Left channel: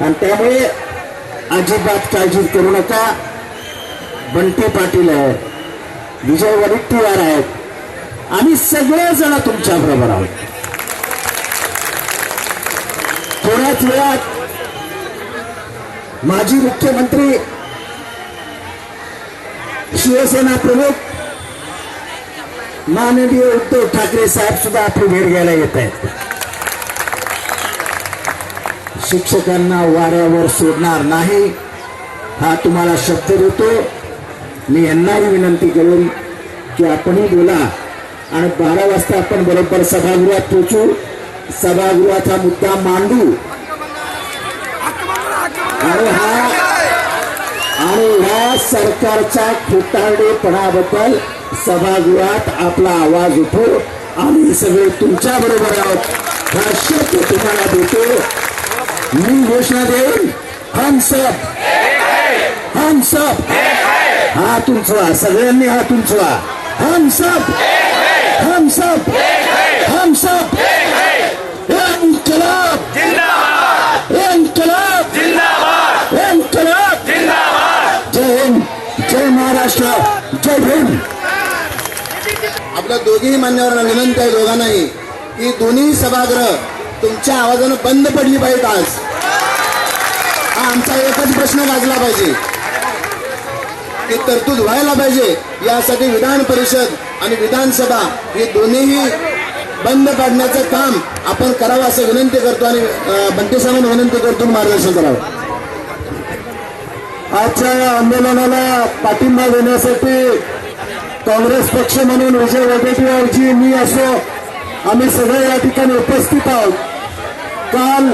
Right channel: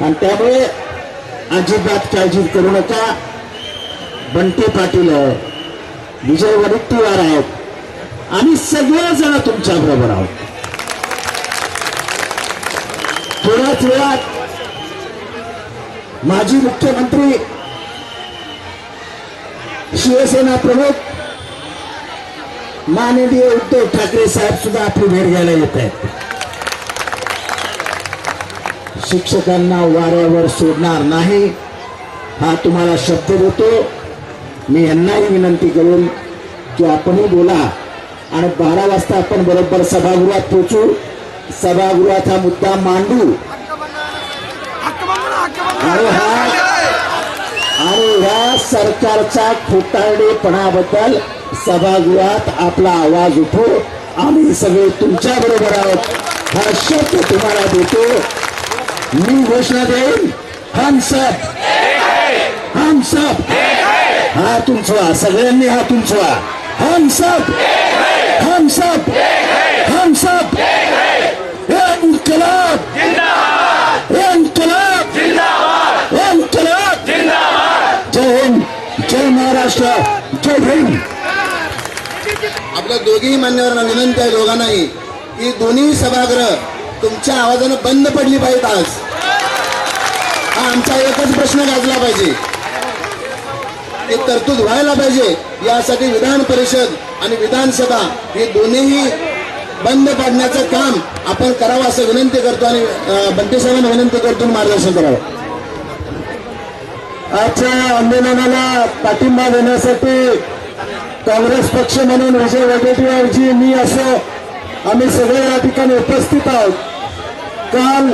आणि त्यामुळे अजिबात काळजी करू नका. बंटे पाटील आहेत विजय वडेट्टीवार आहेत. आम्ही सगळेजण तुमच्या बरोबर आहोत. थोड्याच वेळात माजी मुख्यमंत्री शिवसेना प्रमुख माननीय उद्धव ठाकरे साहेब सुद्धा आपली भेट घ्यायला येत आहेत. शिक्षकांना वाऱ्यावर सोडणार नाही. हा तुम्हाला शब्द देतो. मी यांनाही विनंती करेन की आपणही बोला. आणि बारा वाजता आपण बरोबर सभागृहात पोचू सभागृहात हा मुद्दा मांडू. आणि हा. आणि ह्या सरकारच्या खोटारडेपणाबद्दल सभागृहात आपला आवाज उठो. आम्ही सगळे तुमच्या बरोबर आहोत. हा शब्द तुम्हाला देतो. मी घोषणा देईन. हम सब हम सब हात उंचवा सगळ्यांनी हा उंचवा हम सब हम सब हम सब इन्कलाब इन्कलाब इन्कलाब जय हिंद जय महाराष्ट्र जय आपल्या दोघीही मान्यवरांना विनंती आहे दोघांनाही की दोन्ही सभागृह तुमच्या आवाजानं बंद पडली पाहिजे आज. आमचा एकच प्रश्न गाजला पाहिजे. की तरतूद व्हायला पाहिजे. यासाठी विधान परिषद आणि विधानसभा हे दोन्हीही बंद पाडण्याचं काम आपण करावं असं विनंती करतो आणि अं, साहेबांना विनंती करतो मार्गदर्शन करावं. आजच्या आंदोलनाला पाठिंबा देण्यासाठी काँग्रेस पक्ष म्हणून विजय वडेट्टीवारजी मी असो आम्ही सगळे या ठिकाणी उपस्थित आहोत. काल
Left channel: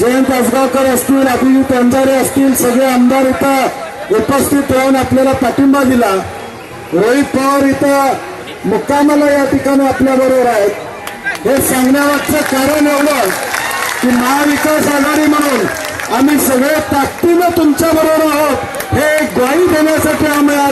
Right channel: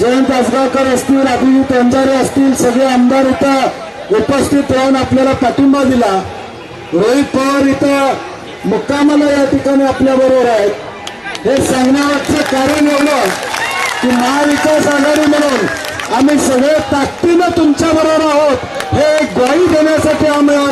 जयंत असगावकर असतील अभिजी तोंजारे असतील सगळे आमदार इथं उपस्थित राहून आपल्याला पाठिंबा दिला. रोहित पवार इथं मुक्कामाला या ठिकाणी आपल्याबरोबर आहेत. हे सांगण्याचं कारण एवढं की महाविकास आघाडी म्हणून आम्ही सगळे ताकदीनं तुमच्याबरोबर आहोत. हे ग्वाही देण्यासाठी आम्ही